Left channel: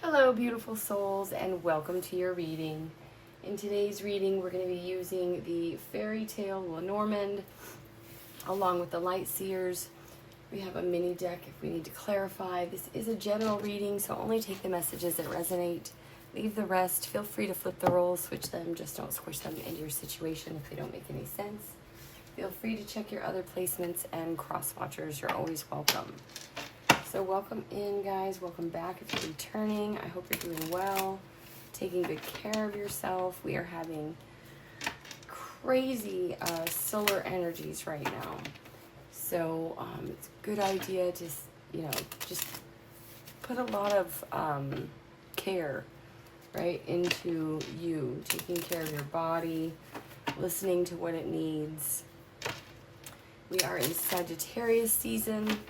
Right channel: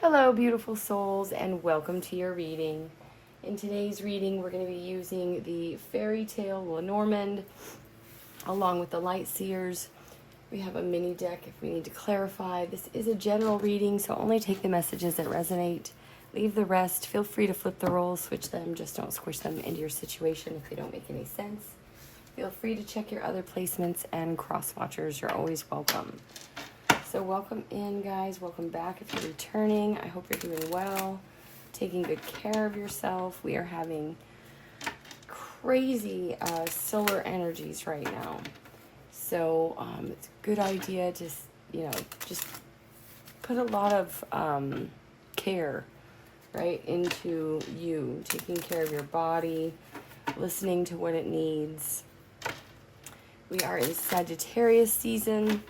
Hello, beautiful souls, and welcome to your reading. In today's reading, we're going to be using the Fairy Tale Lenormand along with the Light Seers. We have a mini deck if we need to clarify. This is a general reading, so only take the messages that resonate. Leave the rest. Feel free to flip the rolls, switch them, just don't squish them into your situation if they don't make any sense. Feel free to check your other placements, and cross watchers, you're always welcome. So welcome in, guys. Welcome back if you're returning. I hope you're doing well, taking good care of yourself. We are having crazy solar energies right now. So it's a good idea to, just put a lot of care, right, into you, taking care of your body, listening to what it needs. We are in Sagittarius season.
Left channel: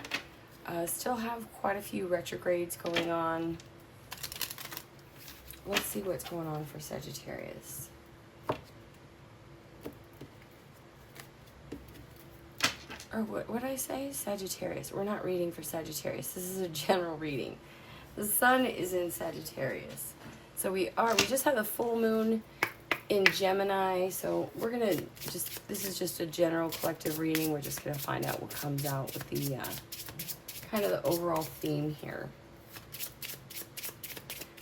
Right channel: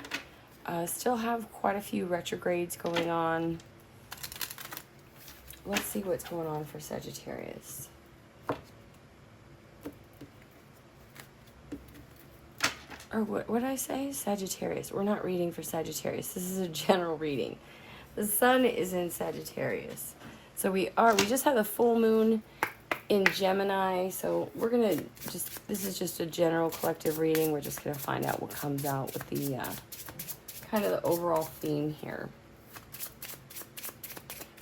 Still have quite a few retrogrades going on. Let's see what's going on for Sagittarius. Or what did I say? Sagittarius. We're not reading for Sagittarius. This is a general reading. The sun is in Sagittarius. So we just had the full moon in Gemini. So we're going to this is just a general collective reading. We're just going to find out what comes out with the kind of the overall theme here.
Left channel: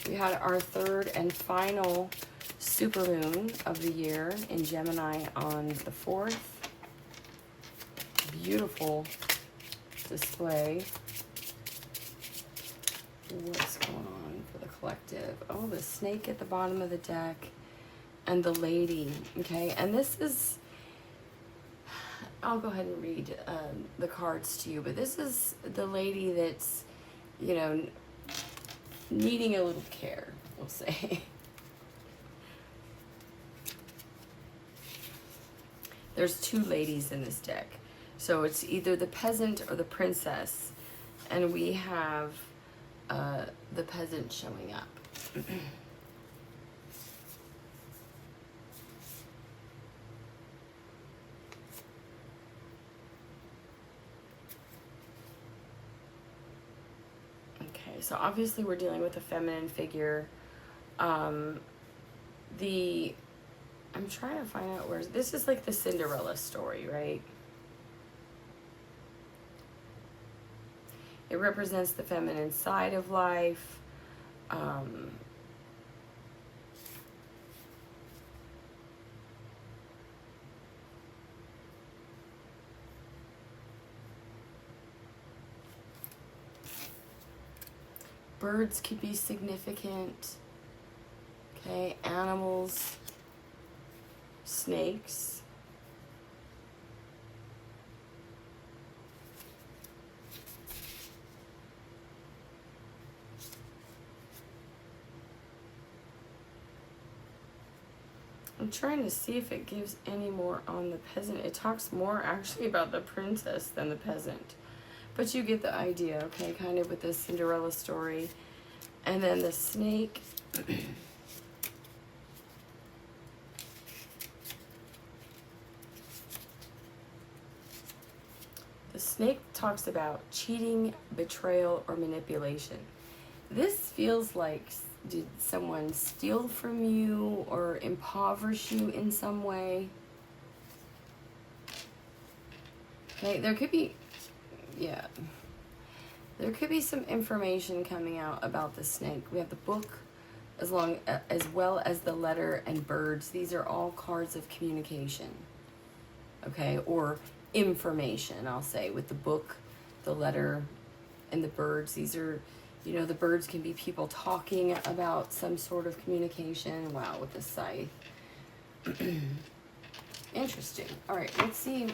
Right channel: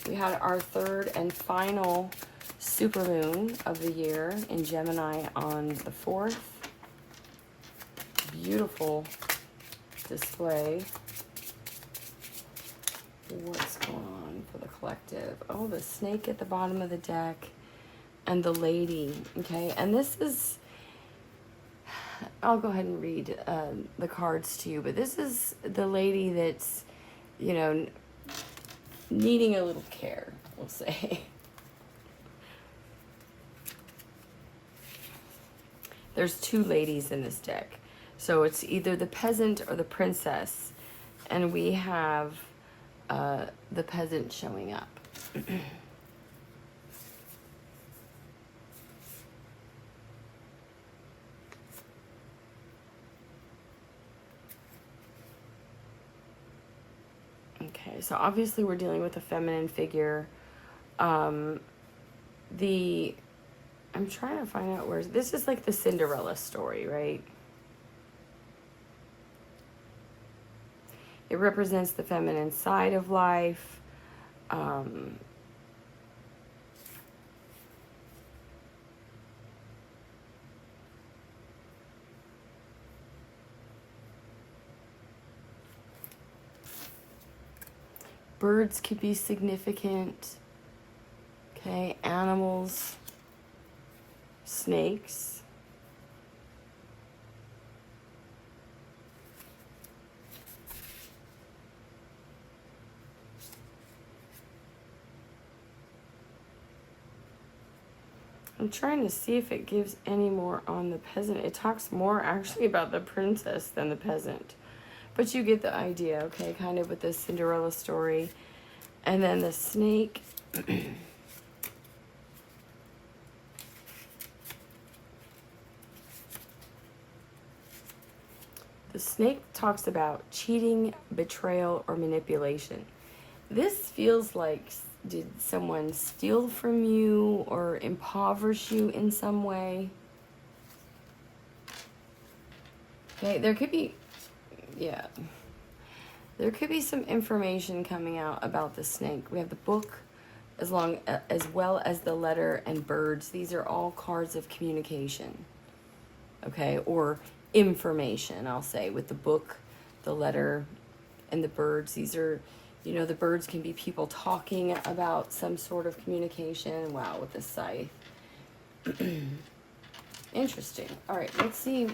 We had our third and final supermoon of the year in Gemini on the 4th. Beautiful display. What's going on for the collective? Oh, the snake at the bottom of the deck and the lady. Okay, and this is, I'll go ahead and read the cards to you, but this is the lady that's, needing a little care, we'll say. There's two ladies in this deck. So it's either the peasant or the princess. And we have the peasant showing up. Okay, so obviously we're dealing with a feminine figure. I'm trying to find out this is like the Cinderella story, right? It represents the feminine side of life. Birds could be significant. Okay, animals, snakes. I'm trying to see if it gives any more on the peasant. It talks more actually about the princess than the peasant. But you get the idea, okay, kind of with the Cinderella story. And then the snake. The snake talks about cheating, betrayal, or manipulation. This feels like, did someone steal from you or impoverish you in some way? Okay, there could be, there could be some information coming out about the snake. We have the book, as well as the letter and birds. These are all cards of communication, okay, or information, I'll say, with the book, the letter, and the birds. These are, the birds can be people talking about some sort of communication. Wow, with the scythe. Interesting. All right, let's see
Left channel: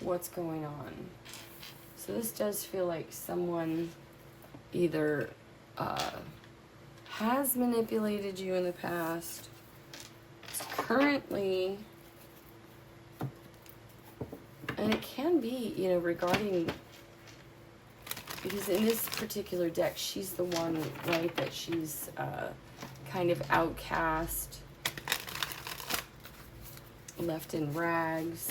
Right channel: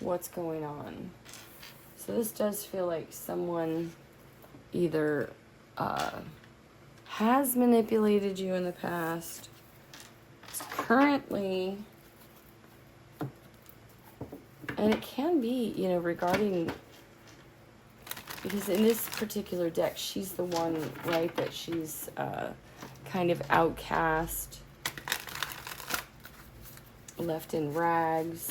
what's going on. So this does feel like someone either has manipulated you in the past, currently, and it can be, regarding, because in this particular deck, she's the one, right, that she's kind of outcast, left in rags.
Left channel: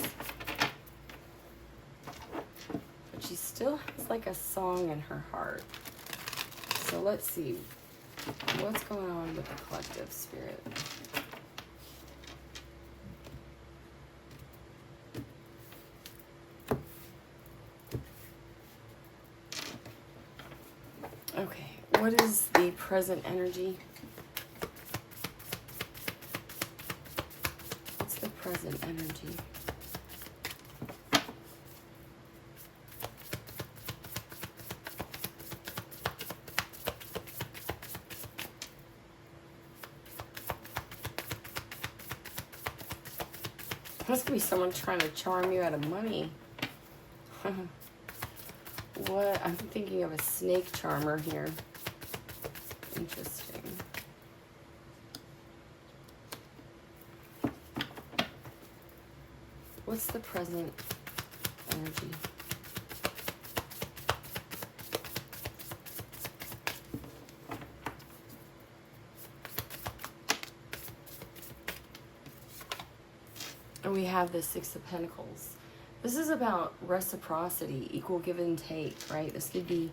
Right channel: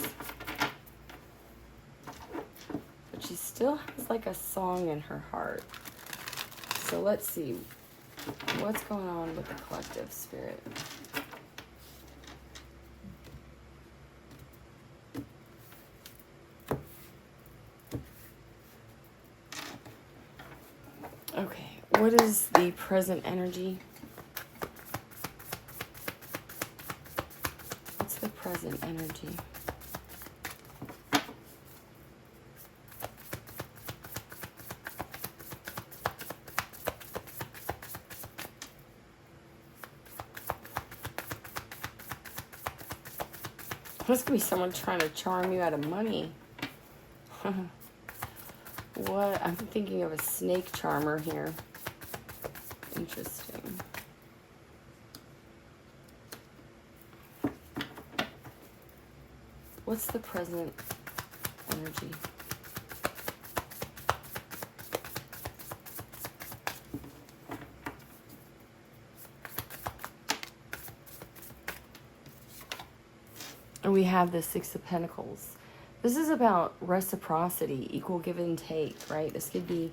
But she still has like a song in her heart. So let's see. What's going on with the collective spirit? Okay, what is the present energy? What's the present energy? Must be someone trying to charm you out of money. What? I'm thinking of a snake charmer here. Interesting. What's the present energy? And we have the Six of Pentacles. This is about reciprocity, equal give and take, right? This could be,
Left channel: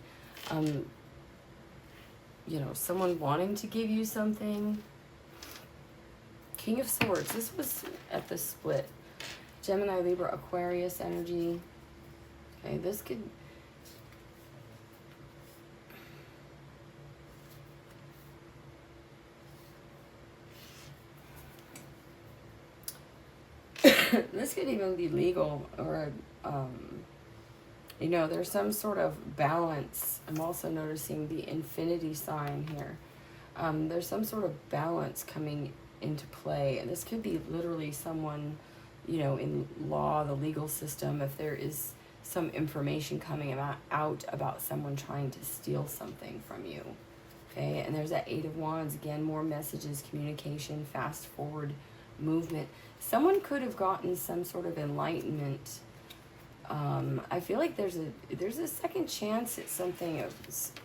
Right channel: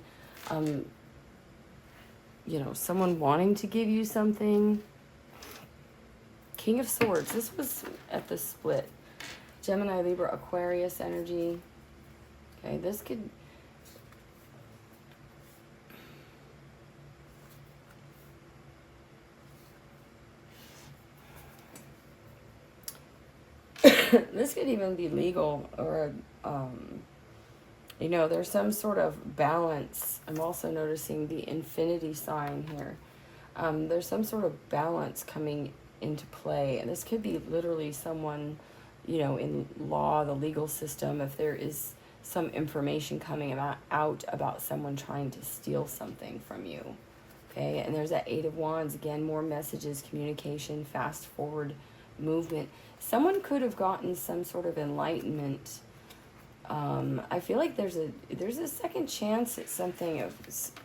you know, someone wanting to give you something. King of Swords. This was at the split. Gemini, Libra, Aquarius energy. Okay, this could... this could even be legal, or, you know, there's some sort of balance. I'm also noticing the infinity sign here. There's some sort of balance coming into play, and this could be literally someone, you know, in law, the legal system, if there is some information coming out about someone trying to steal something from you. Okay, and there's that Eight of Wands, again, more messages, communication, fast forward movement. Someone could have gotten some sort of enlightenment. I feel like there's a second chance at something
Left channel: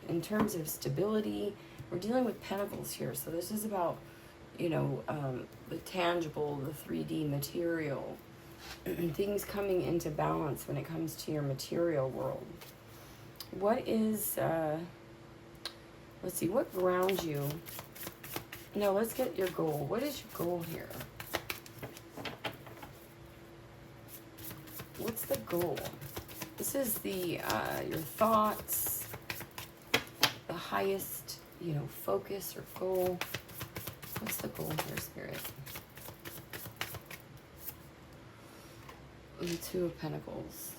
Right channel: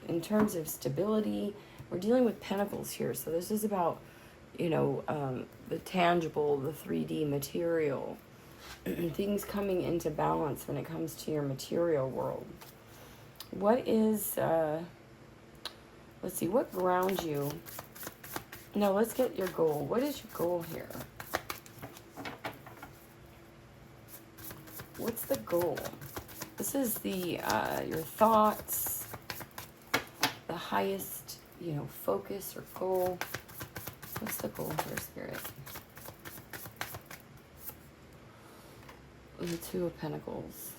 in terms of stability. We're dealing with pentacles here, so this is about, you know, the tangible, the 3D material, things coming into balance when it comes to your material world. What is, let's see, what grounds you? No, let's get your goal. What is your goal here? What's the goal? This is the, your thoughts, the highest, you know, focus or goal. What's the goal here, Spirit? The Two of Pentacles.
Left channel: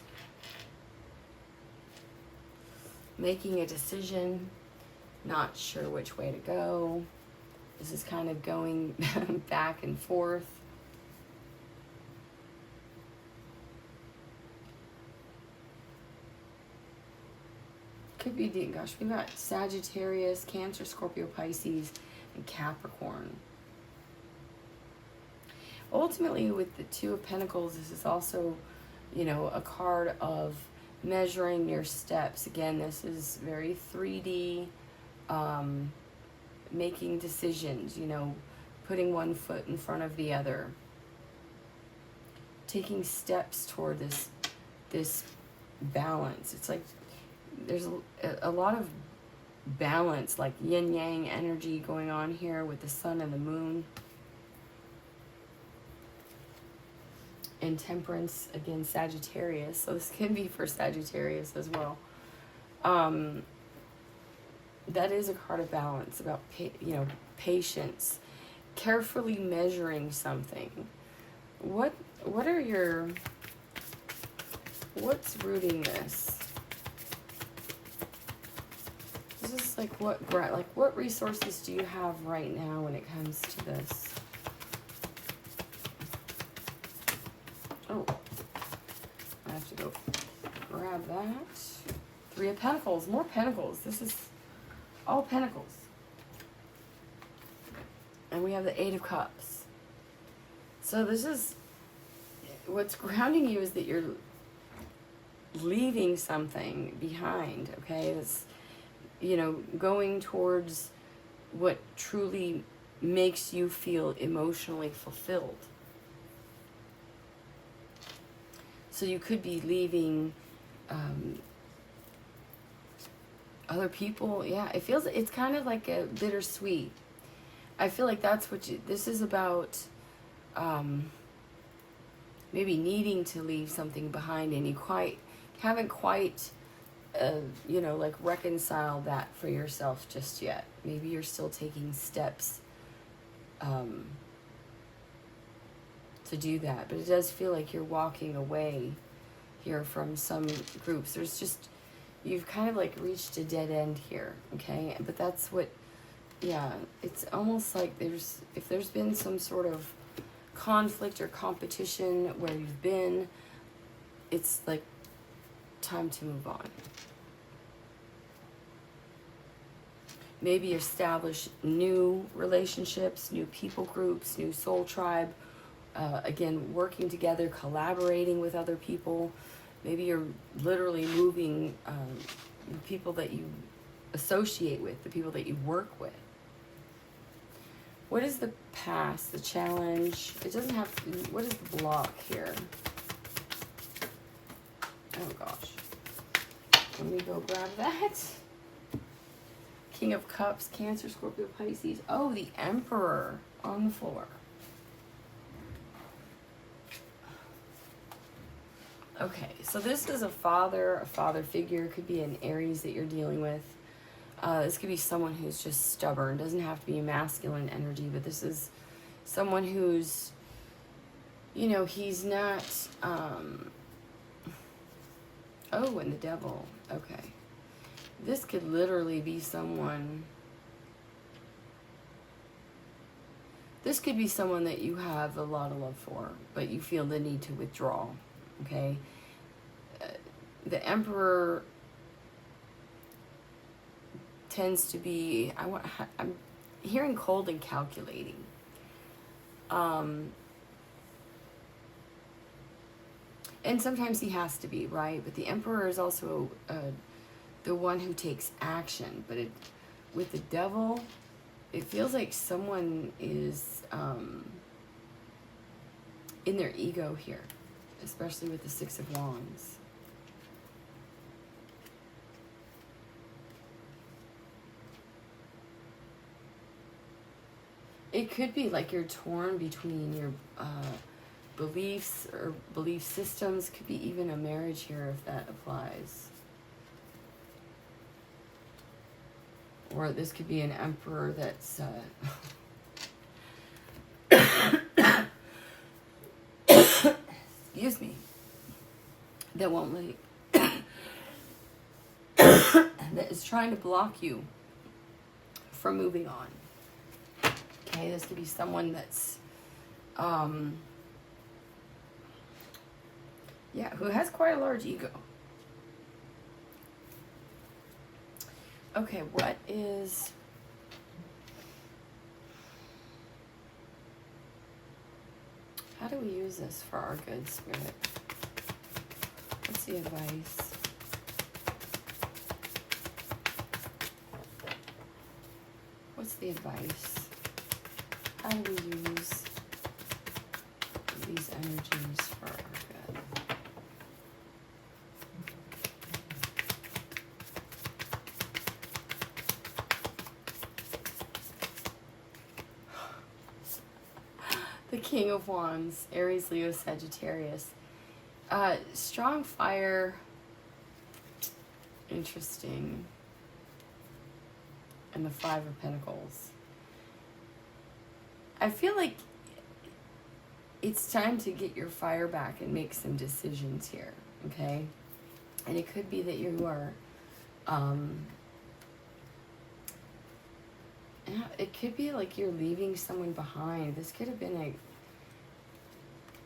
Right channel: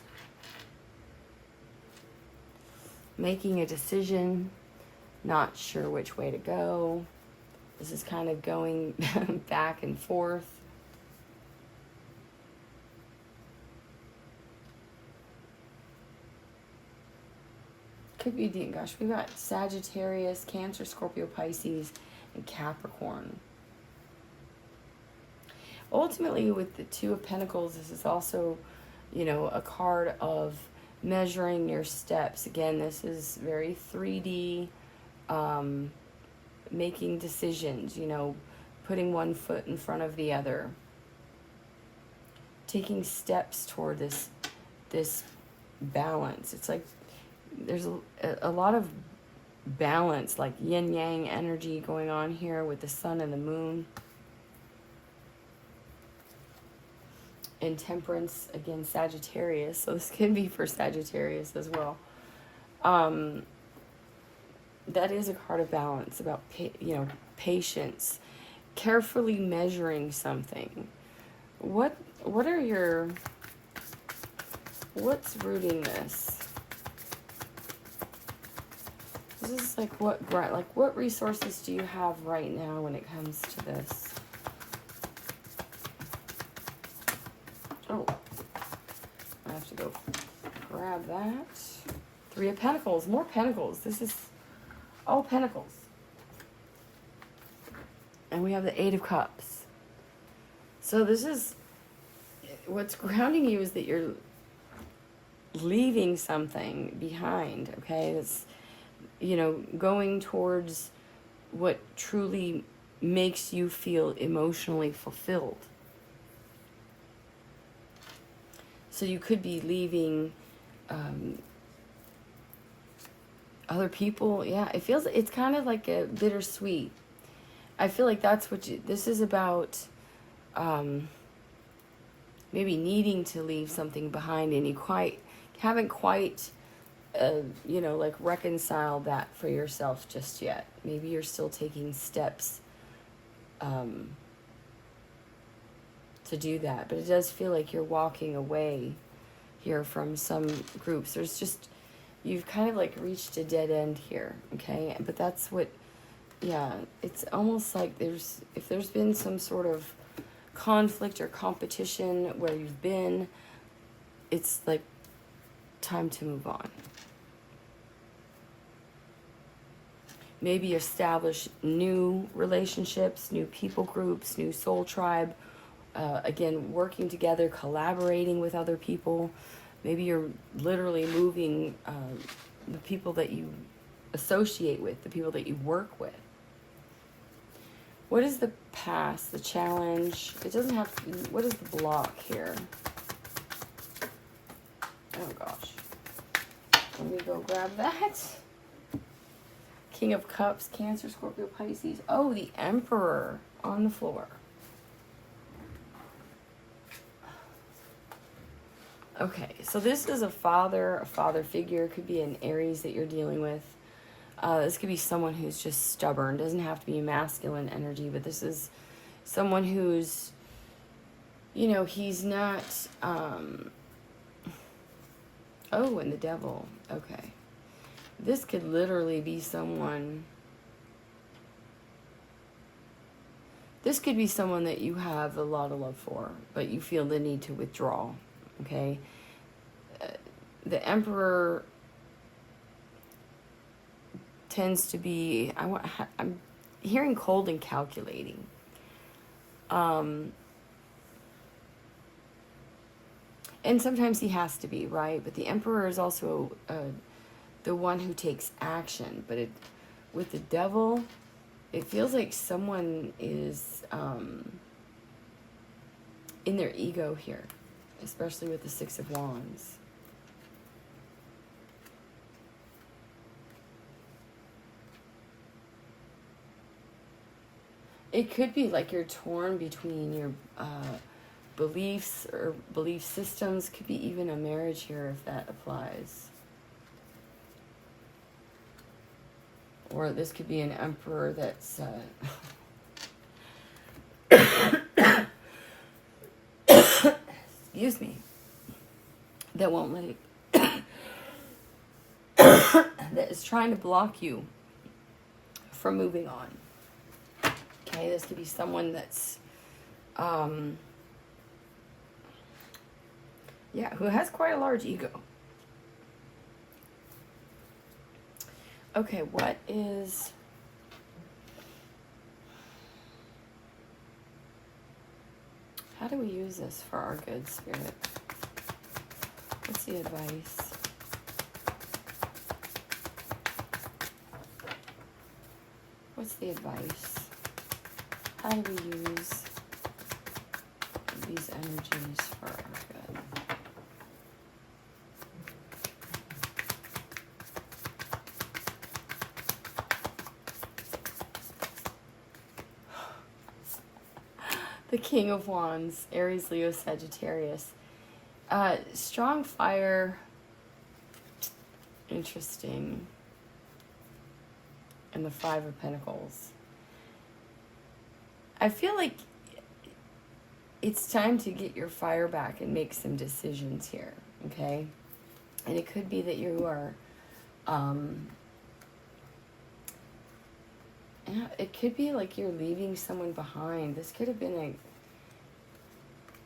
Making a decision, not sure which way to go. This is kind of going back and forth. Could be, gosh, we've got Sagittarius, Cancer, Scorpio, Pisces, and Capricorn. Ultimately, with the Two of Pentacles, this is also, you know, a card of measuring your steps. Again, this is very 3D, making decisions, you know, putting one foot in front of the other. Taking steps toward this balance. It's like there's a lot of balance, like yin-yang energy going on here with the sun and the moon. And Temperance, again, Sagittarius. So this can be for Sagittarius as well. That is a card of balance, about, you know, patience, carefully measuring something. What are your, what's rooting this? This is like what resources do you have right now when it comes to this? Oh, I have to go grab that. Three of Pentacles, more Pentacles. This is all Pentacles. And we have the Eight of Cups. So this is, what's grounding you is that you're leaving something behind, okay? It's, you know, going towards what truly makes you feel emotionally fulfilled. So you could be leaving Other people, yeah, it's kind of like a bittersweet. I feel like that's what this is about. Maybe needing to leave something behind, and you haven't quite like reconciled that for yourself just yet. Maybe you're still taking steps to do that, but it does feel like you're walking away here from some groups. You've kind of like reached a dead end here, okay? But that's what, yeah, it's almost like if there's been some sort of conflict or competition where you've been, it's like time to move on. Maybe establish new relationships, new people groups, new soul tribe. Again, working together, collaborating with other people. Maybe you're literally moving the people that you associate with, the people that you work with. What is the past, the challenge? It doesn't have to be, what is the block here? Oh gosh. Let me go grab that. King of Cups, Cancer, Scorpio, Pisces. Oh, the Emperor on the floor. Okay, so this is a father figure. Could be an Aries that you're dealing with. This could be someone who's just stubborn. Doesn't have to be masculine energy, but this is someone who's, he's not, oh, and the Devil. Okay. This could literally be someone, this could be someone that you have a lot of love for, but you feel the need to withdraw, okay? The Emperor tends to be, I'm hearing cold and calculating. And sometimes he has to be, right? But the Emperor is also the one who takes action. But with the Devil, it feels like someone is in their ego here, especially with the Six of Wands. It could be like you're torn between your beliefs or belief systems. Could be even a marriage here if that applies. Or this could be an Emperor that's excuse me, that won't let that is trying to block you from moving on. Okay, this could be someone that's who has quite a large ego. Okay, how do we use this for our good spirit? What's the advice? What's the advice? How do we use these energies for our good? The King of Wands, Aries, Leo, Sagittarius. Strong fire. Interesting. And the Five of Pentacles. I feel like it's time to get your fire back and make some decisions here, okay? And it could be that you are, it could be like you're leaving someone behind. This could have been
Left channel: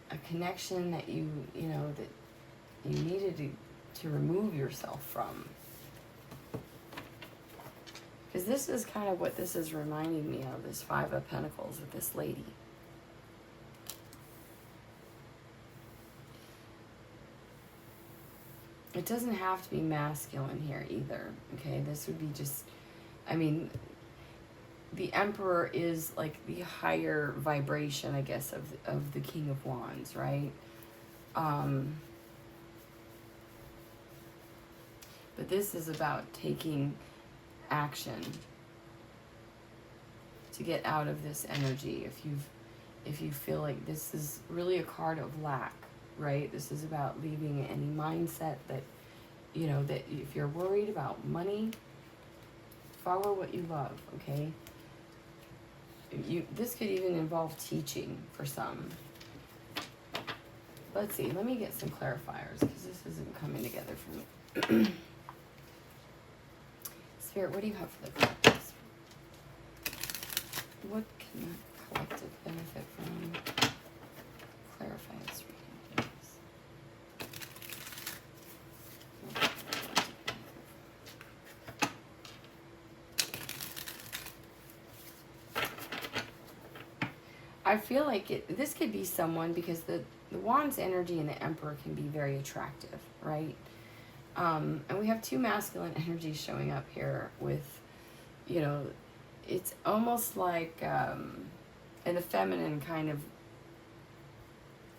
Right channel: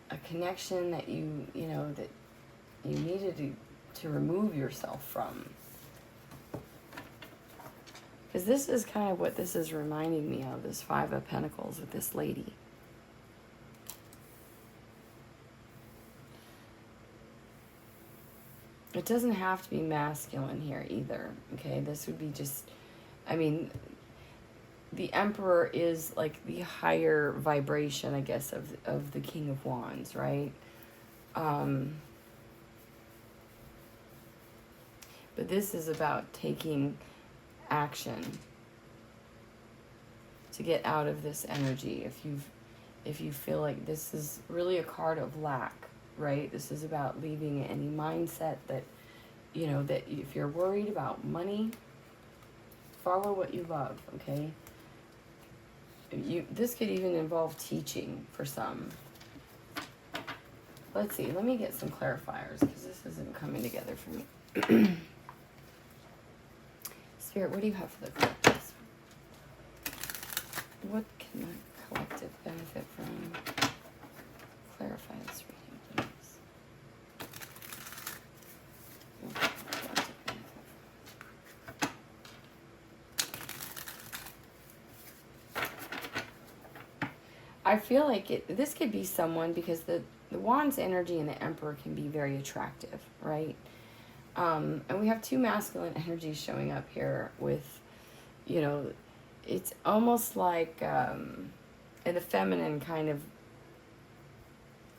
a connection that that you needed to remove yourself from. Because this is kind of what this is reminding me of, this Five of Pentacles with this lady. It doesn't have to be masculine here either, okay? This would be just, the Emperor is like the higher vibration, I guess, of the King of Wands, right? But this is about taking action to get out of this energy. If you feel like this is really a card of lack, right? This is about leaving any mindset that, you know, that if you're worried about money, follow what you love, okay? This could even involve teaching for some. Let's see, let me get some clarifiers because this isn't coming together for me. Spirit, what do you have for the collective? What can the collective benefit from? Clarify this reading, please. I feel like this could be someone, because the Wand's energy and the Emperor can be very attractive, right? And we have two masculine energies showing up here with, you know, it's almost like the feminine kind of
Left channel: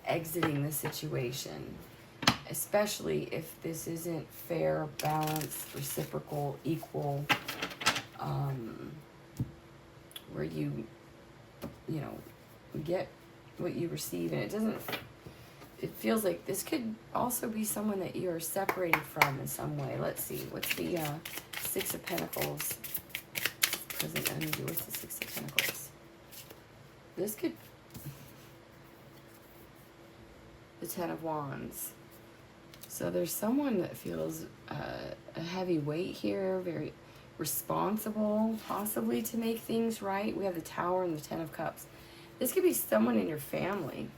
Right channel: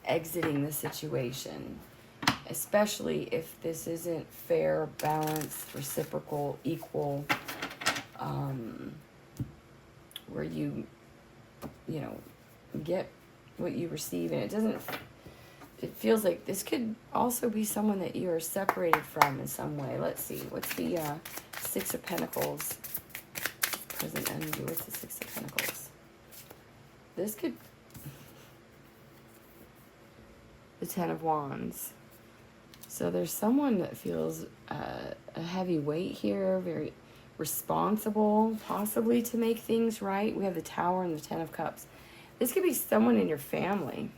exiting the situation, especially if this isn't fair, balanced, reciprocal, equal, where you know, get what you receive, and it feels like this could also be someone that you are separated from in some way. Let's see, what's the Six of Pentacles? Present energy, what's the Six of Pentacles? This could, the Ten of Wands. So there's someone that feels a heavy weight here, very responsible, possibly to make things right. We have the Tower and the Ten of Cups. This could be someone in your family.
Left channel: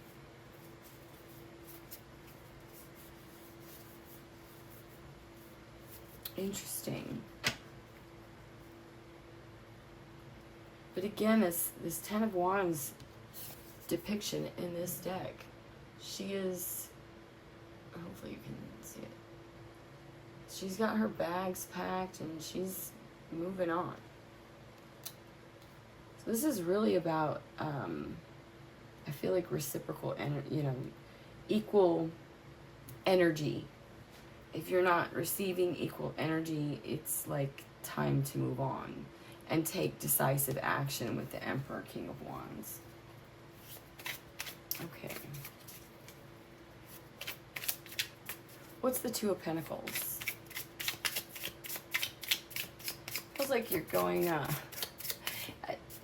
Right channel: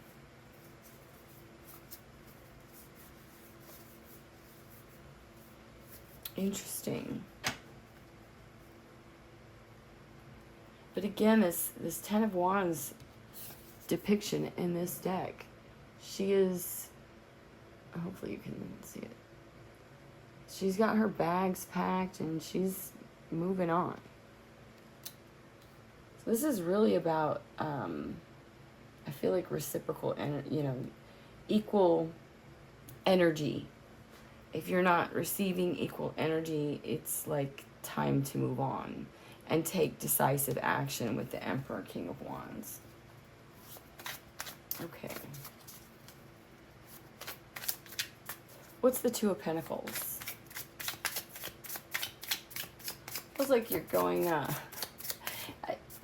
Interesting. But again, this Ten of Wands depiction in this deck, she is, hopefully you can see it, she's got her bags packed and she's moving on. So this is really about, I feel like reciprocal, you know, equal energy. If you're not receiving equal energy, it's like time to move on and take decisive action with the Emperor, King of Wands. Okay. What's the Two of Pentacles? Feels like you're going,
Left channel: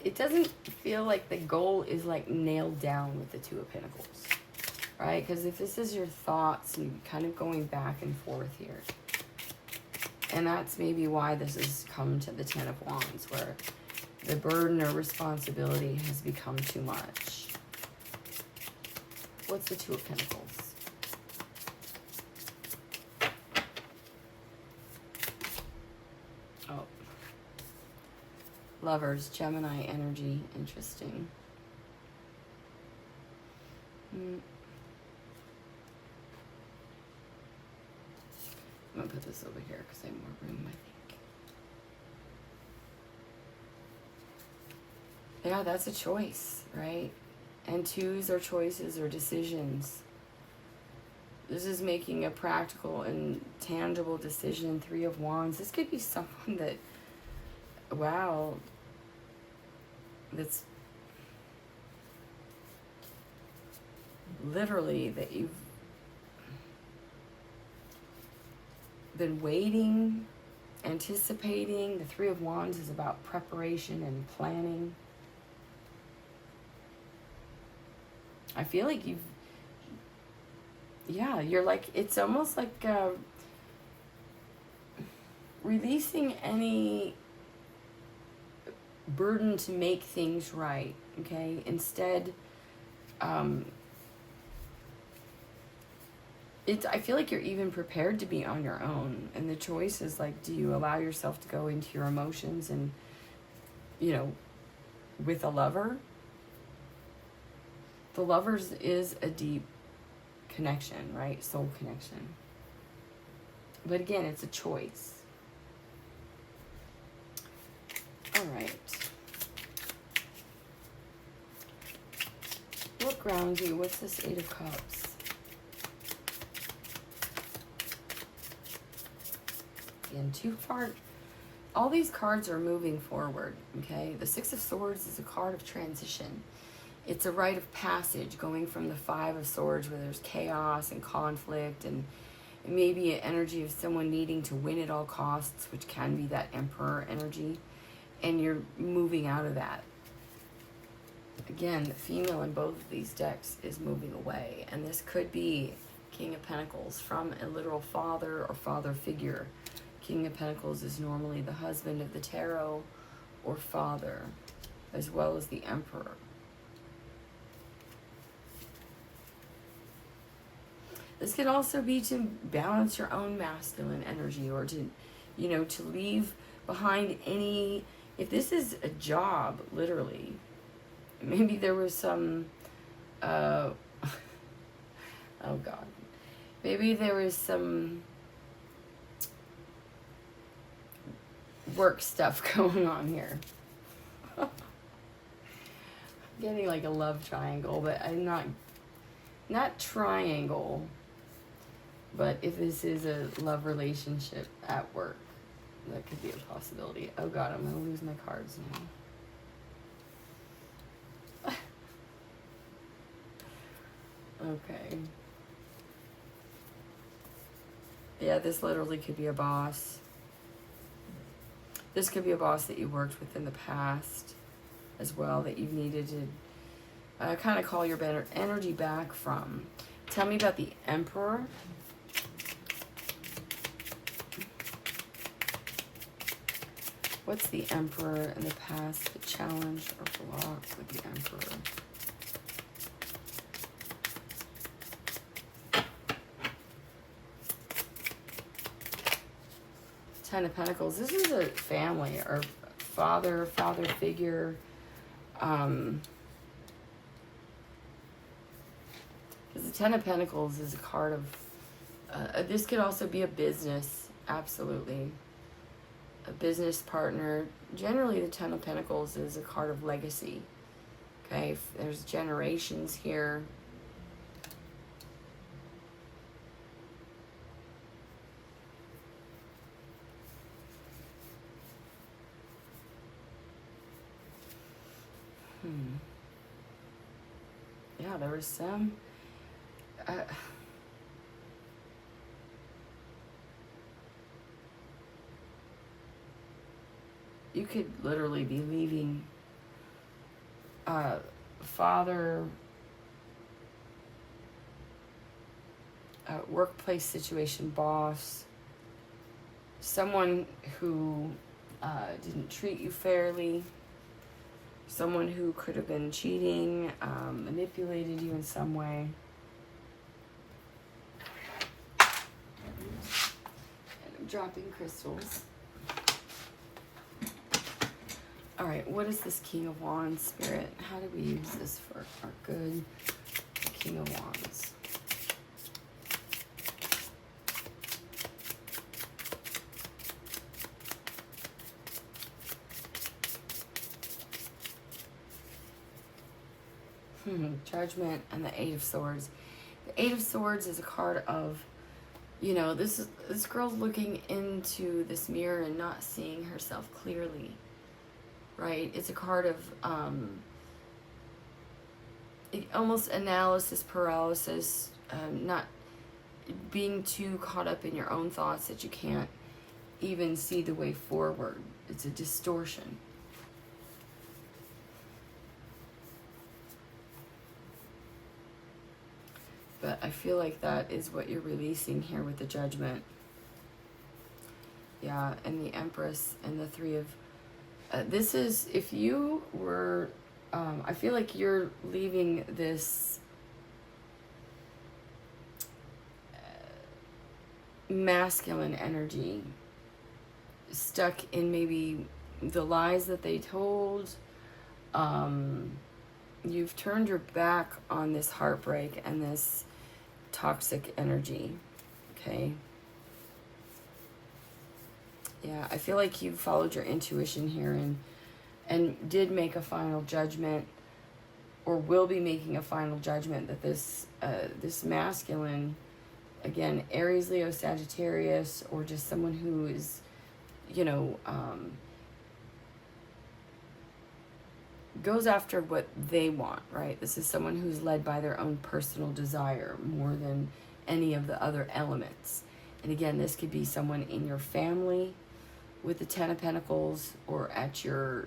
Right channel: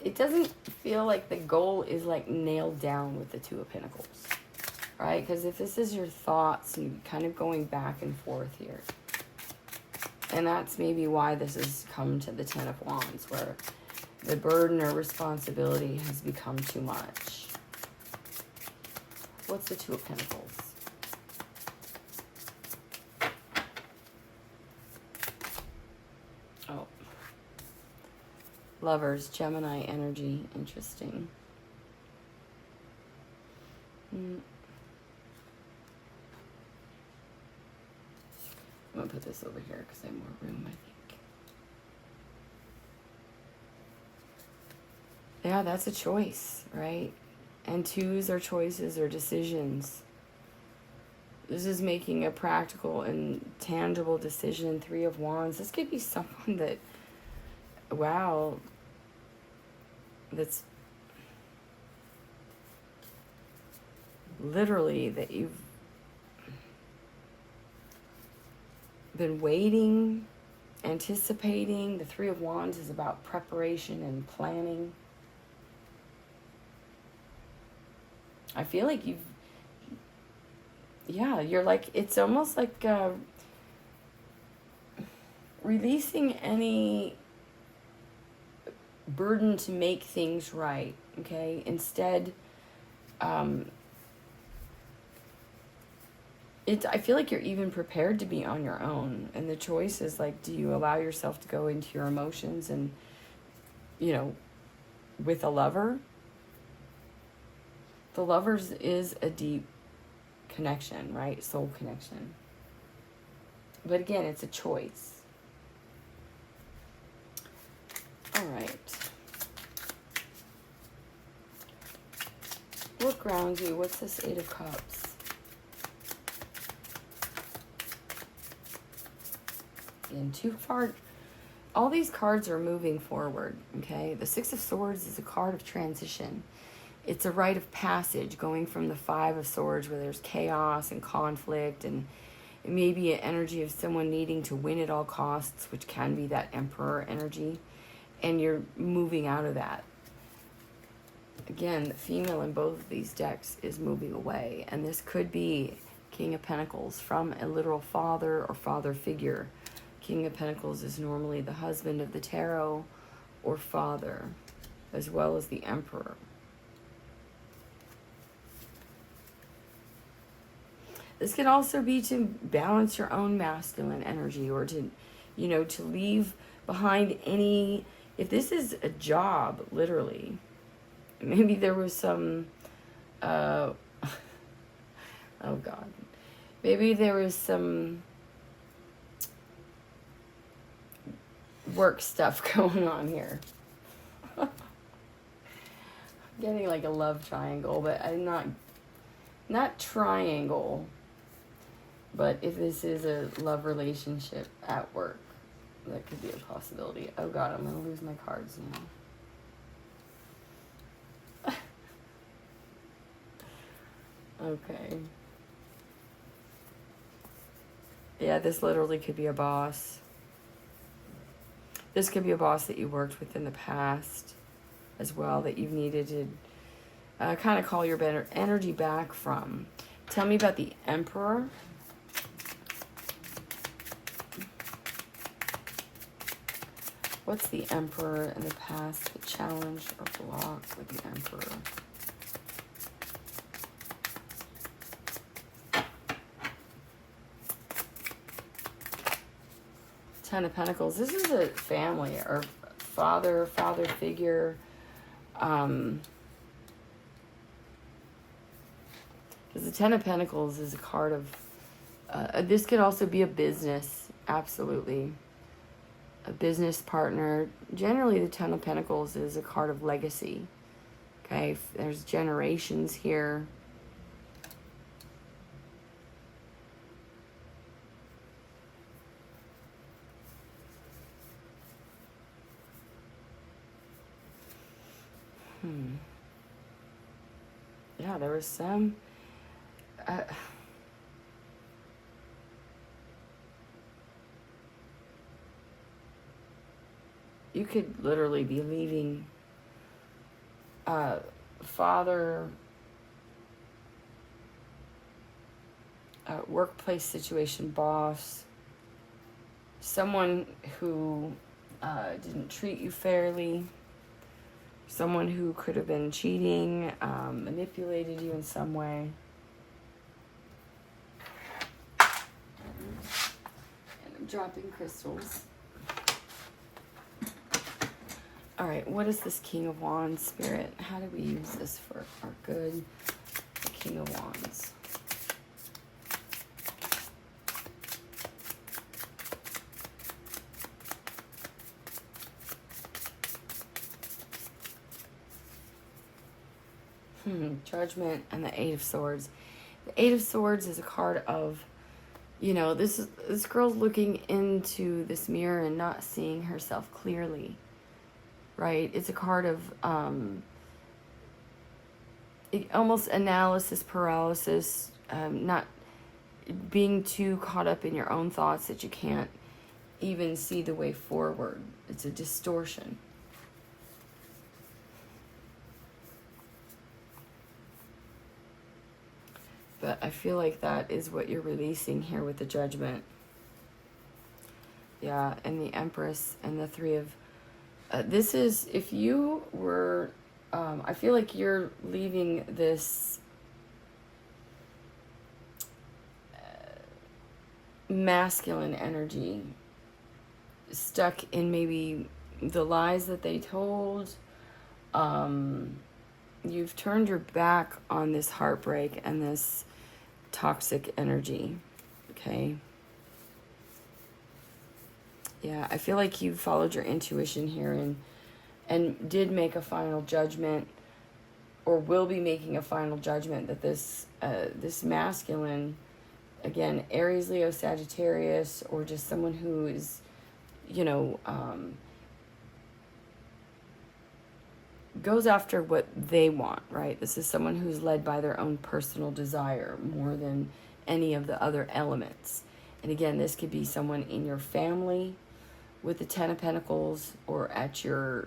it doesn't feel like the goal is like nailed down with the Two of Pentacles, right? Because if this is your thoughts and kind of going back and forth here, and that's maybe why this has come to the Ten of Wands, where the burden or responsibility has become too much. What's the Two of Pentacles? Oh. Lovers, Gemini energy. Interesting. I'm going to put this over here because I have more room, I think. Yeah, that's a choice, right? And twos are choices or decisions. This is making a practical and tangible decision. Three of Wands. This could be someone that, wow, that's literally that you've been waiting, anticipating. The Three of Wands is about preparation and planning. I feel like you've, yeah, you're like, it's almost like releasing any burden to make things right, okay? Instead, I feel like you're even prepared to be on your own. And the choice is like, do you allow yourself to go into your emotions and, you know, with a lover? The Lovers is a deep connection, right? Soul connection. But again, it's a choice. All right. What grounds you? What's this Eight of Cups? And all these cards are moving forward, okay? The Six of Swords is a card of transition. It's a rite of passage, going from the Five of Swords where there's chaos and conflict, and maybe an energy of someone needing to win at all costs, which can be that Emperor energy, and you're moving out of that. Again, the female in both of these decks is moving away, and this could be King of Pentacles from a literal father or father figure. King of Pentacles is normally the husband of the tarot or father, as well as the Emperor. This can also be to balance your own masculine energy, or to, you know, to leave behind any, if this is a job, literally, maybe there was some, oh God, maybe there was some work stuff going on here. I'm getting like a love triangle, but I'm not triangle. But if this is a love relationship at work, that could be a possibility. Oh God, I'm gonna lose my cards now. Okay. Yeah, this literally could be a boss. This could be a boss that you worked with in the past as well, that you've needed to kind of call your better energy back from. Tell me about the Emperor. What's the Emperor in the past that challenged or blocked with the Emperor? Ten of Pentacles. This is a family or father figure. Because the Ten of Pentacles is a card of, this could also be a business, absolutely. A business partner. Generally, the Ten of Pentacles is a card of legacy. Okay, if there's generations here. Yeah, there was some. You could literally be leaving father, workplace situation, boss, someone who didn't treat you fairly, someone who could have been cheating, manipulated you in some way. And I'm dropping crystals. All right, what is this King of Wands, Spirit? How do we use this for our good? The King of Wands. Judgment and the Eight of Swords. The Eight of Swords is a card of, you know, this girl's looking into this mirror and not seeing herself clearly. Right? It's a card of almost analysis paralysis, not being too caught up in your own thoughts that you can't even see the way forward. It's a distortion. But I feel like that is what you're releasing here with the Judgment. Yeah, and the Empress and the Three of... this is, if you were, I feel like you're leaving this masculine energy stuck in maybe the lies that they told. You've turned your back on this heartbreak and this toxic energy, okay? Yeah, I feel like you followed your intuition here and did make a final judgment, or will be making a final judgment, that this this masculine, again, Aries, Leo, Sagittarius, or just someone who is, you know, goes after what they want, right? This is someone who's led by their own personal desire more than any of the other elements. And again, this could be someone in your family with the Ten of Pentacles, or at your,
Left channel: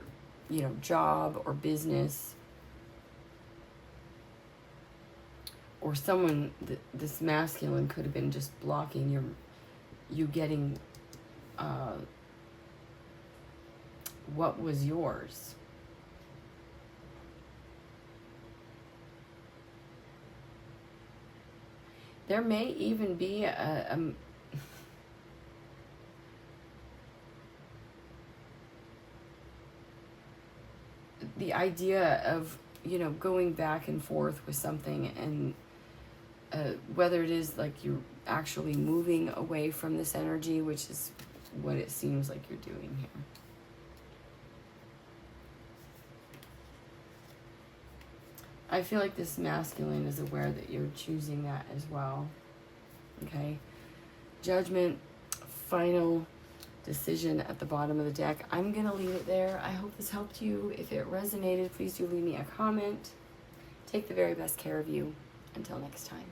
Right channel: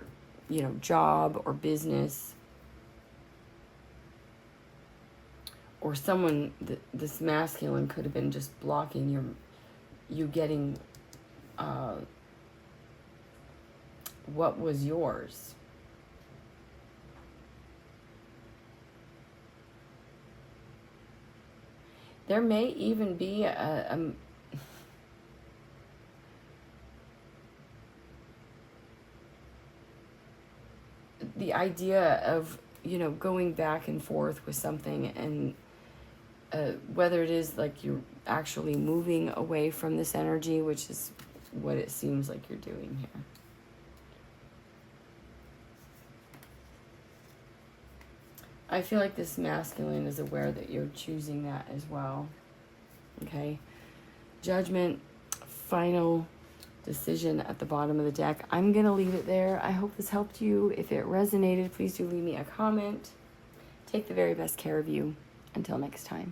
you know, job or business, or someone, this masculine could have been just blocking you getting what was yours. There may even be the idea of, you know, going back and forth with something, and whether it is like you're actually moving away from this energy, which is what it seems like you're doing here. I feel like this masculine is aware that you're choosing that as well. Okay. Judgment, final decision at the bottom of the deck. I'm going to leave it there. I hope this helped you. If it resonated, please do leave me a comment. Take the very best care of you. Until next time.